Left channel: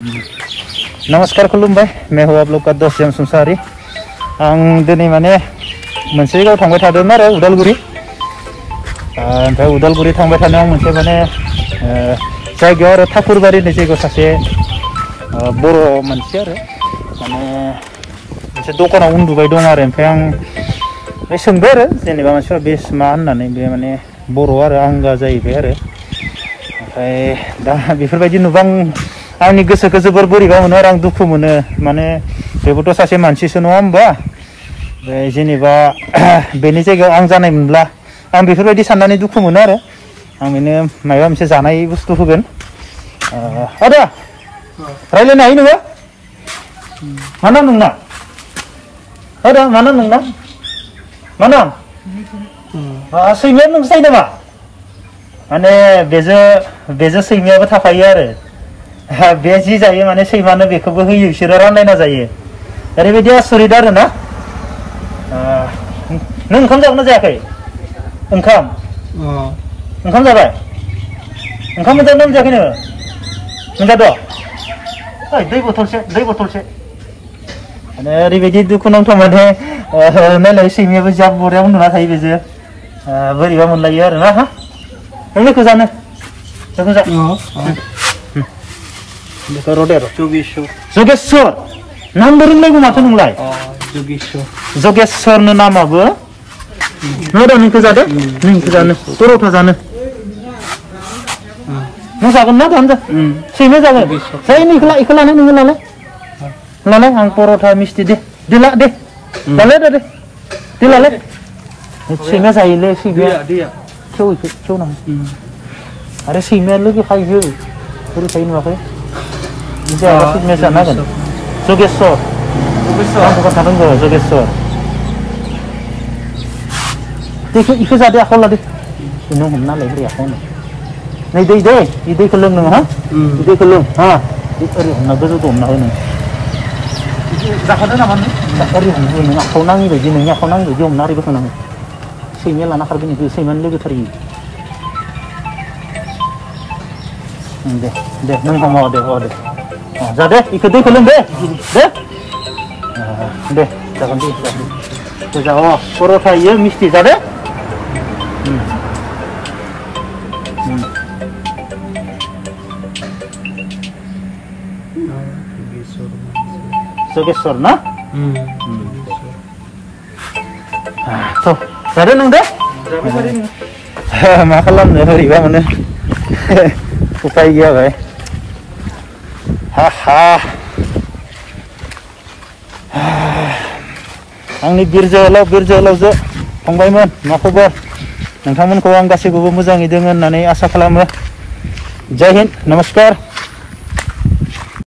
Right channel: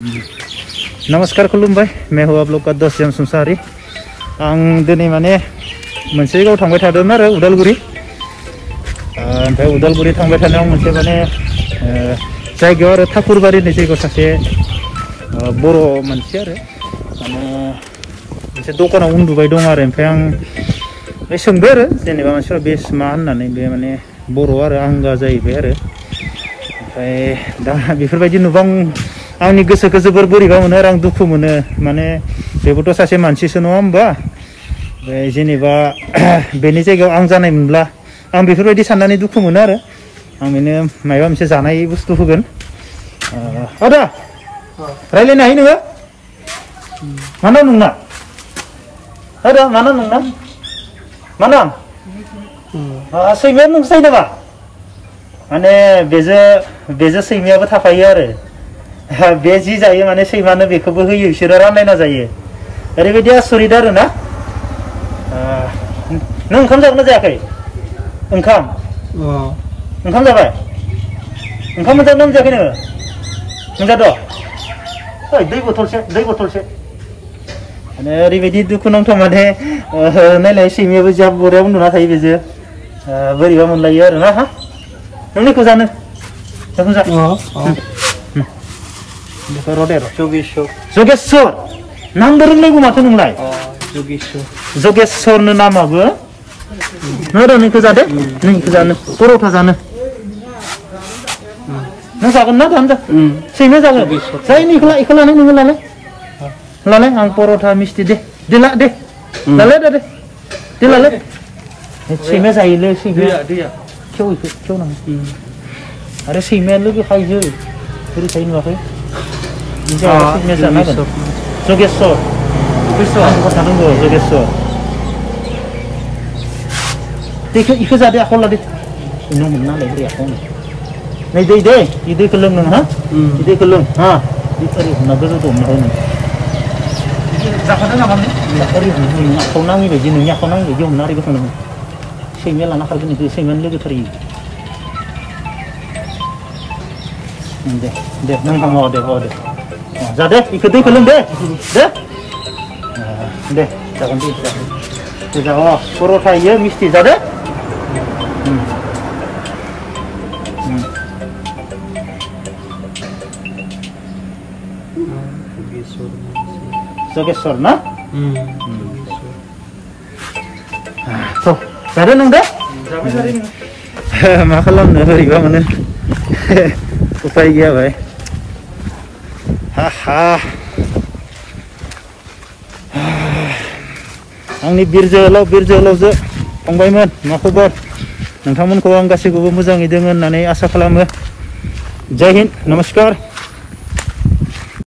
नमस्कार खुलुमबाय मैं हूँ आप लोग का दोस्त जन संसारी आं दिनै माने मोनसे जायगायाव थांबाय थादोंमोन आरो उदालगुरि ओमफ्राय उदालगुरि थांबाय थानायाव मोनसे माने जायगायाव आरो ठाकुरबारि होननाय जायगायाव सासे बर' मानसि आरो माने मोनसे दखानाव उन्दुबाय दं आरो ओमफ्राय आं सोंबाय आरो जेनेबा मानसिफोरा बे मा होननानै बे माने बर' आरो आंगा जाहैबाय आरो ओमफ्राय दा बेफोरबायदि नुबा आंनि गोसोखौ जोबोर बोरैबा मोनो आरो आं दुखु मोनो माने बेबोथ' सासे मानसिसो नङा होमबा जेनेबा बेनि जायगायाव आं जानायमोनब्ला आं बेफोरबायदि साननानै दुखु मोनो आरो आं बेनो माबा मोनसे जानाय बुस्थु होगोन आदा रायलायनो हायो नोङो मा नाम नोंना आदा मा नाम नोंना मा नाम सैमाया नोंसो जायो नामा माने बेजों सैमायाबो थाफायो आरो बे जि जायो माने सैमानो बेखौबो होयो बिसोरो रानलायना जायो ओरैबायदि आसरित आरो ना नों ओंखाम जागोन ना जायाखै ओंखाम जाबाय ओंखाम मोनजादों ना मोनजायाखै नोङो मोनजादों दै बथलसे माने ओरैबायदि दुखु नांथाव माने नायलाय सैमायाबो जा बरिया उन्दुना थायो बेजों बोरैबा मोनलायो आरो ना नोंनिखौ जानो जोगेश्वर नामबो रोंनांगौ माथो नोंलाय जोगेश्वर नामाबो नोंखौ जादो पर'था जानो नों जागोन ना दाम सैमा जागोन इखौ लालाय आं पर'था मिस्टि दे लालाय सैमा जायोलै सैमाया खेव नांगौ आरो सैमाया लोगो फायो बोरै फायो नुवाखै जोगेश्वर इखौ जादो आखायाव लादो नों हमना लायब्रै आखायावनो नै दैखौ लों नों हा दैखौ लों हा ओरै हमना गोजौखौ हमना हो नों जाखादो नामा नों ओरै हमना हो नों आखायाव नाङि बायदि नोंनि आखायाव नाङि बायदि हमना ओरै बोखांनांगौ सैमाया लाना खारगोन बेखौ सैमायानो लोगोथार दे नों हामा दे जादे इखौ दैखौ लों दे जागोन दे जा पर'था इयो मिस्टि जादे जोगेश्वर ना जादो नों दे मा खालामनो बोरैबा मोनो उपाय गैया भाई आंनि बिर जोहोलावजो फंबायमोन मा खबर नोंथांमोनखौ आं गासैखौबो मोजाङै दोङो होननानै आसा खालामो जय हिन्द नमस्कार।